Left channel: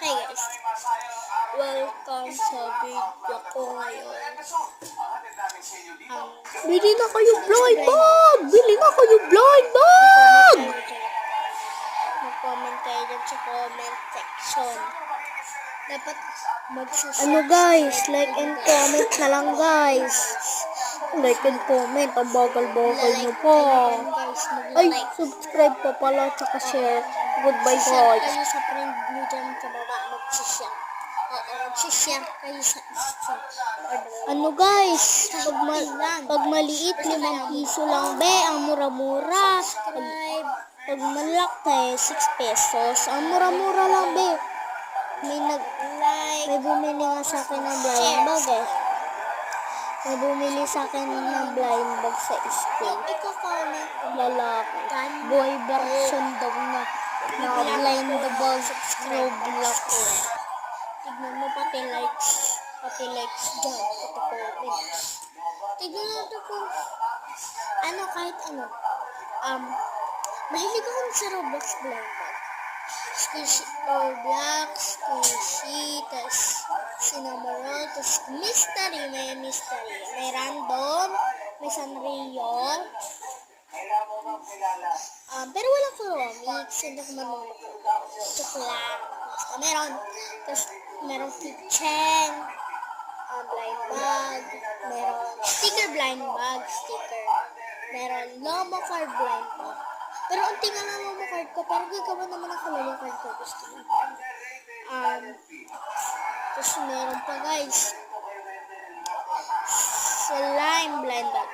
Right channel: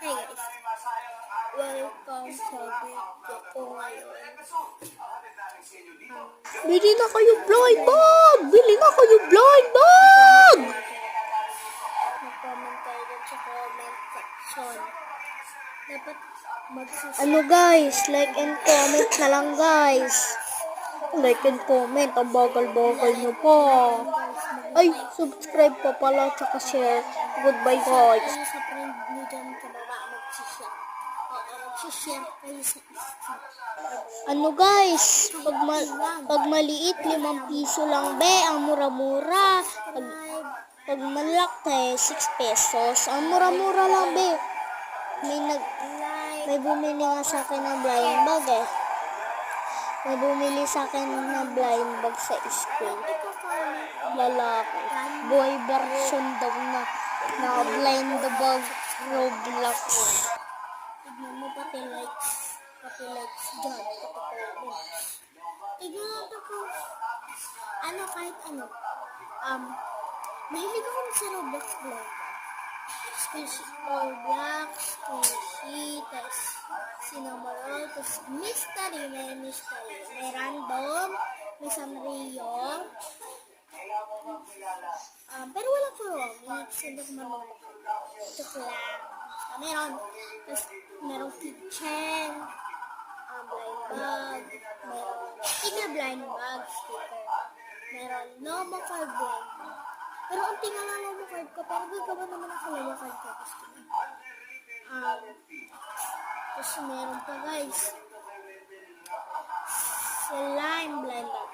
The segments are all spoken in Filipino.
Hey guys, welcome sa video ko ngayon. Bili na kayo blind bag! Bili na kayo blind bag! Mag-comment kayo dyan sa comment section. Dapat magsusubscribe. Ano guys, like and comment na lang guys. Like and comment, ang bagal-bagal nyo pa. Ay, subscribe pa pala, tsaka share. Goodbye Share guys. kayo sa friend nyo dyan sa baba, mag-share. Oo, mag-share kayo sa isa. Ano guys, pag maliit, 5 piso lang be, ang mura-mura. Pag malaki, 6 pesos. Ang mura-mura lang be. May bumili nga sa akin ng blind bag eh. May bumili sa akin ng blind bag sa school. Lalaki. Boy version daw na blind bag Roblox. Tignan mo pati likes dyan, pati comments. Tignan natin kung kahit ano. Mahilig ako sa Roblox blind bag. Roblox, Squishy, tas Cinnamoroll, tas mystery, may random, may Sanrio. Pero walang Kuromix, hindi ko marunong joke lang. Basta meron. Tapos merong kitchen, blind bag, meron sticker blind bag, meron Lomo card blind bag. Pero ang tingnan na Lomo card ko, pero gagawa naman ako Lomo card ko, gusto mo. Tapos meron pa guys, slime blind bag.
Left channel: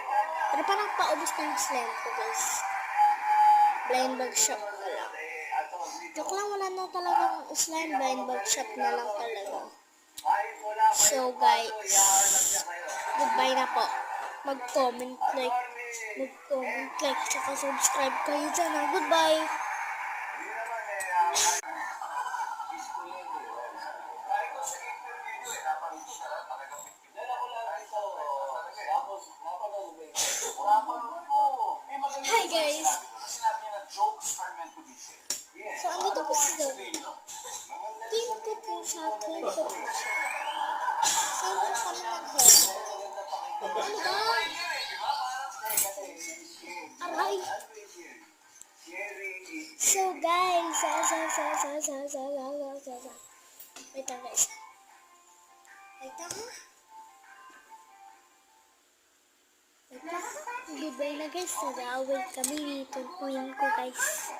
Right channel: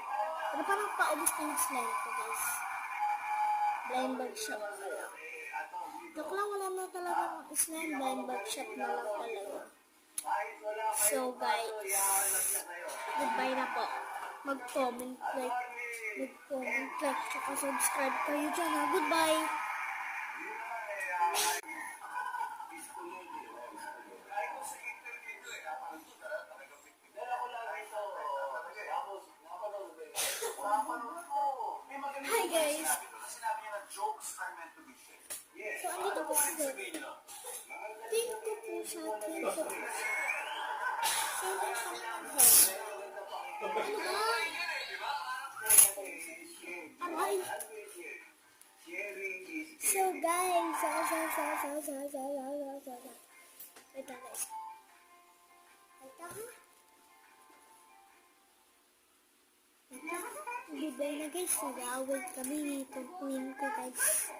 Pero parang paubos na yung slime ko guys. Blind bag shop na lang. Joke lang, wala na talagang slime, blind bag shop na lang talaga. So guys, goodbye na po. Mag-comment, like, tsaka subscribe kayo dyan ha. Goodbye! Hi guys! So, andito po sila. Tingnan po sa akin po siya. So, ano kami ng-help? Ano ba? Aray! So, guys, wait lang guys. Wait lang ha? Goodbye na guys. Nag-away kami. Tuntuin ko guys.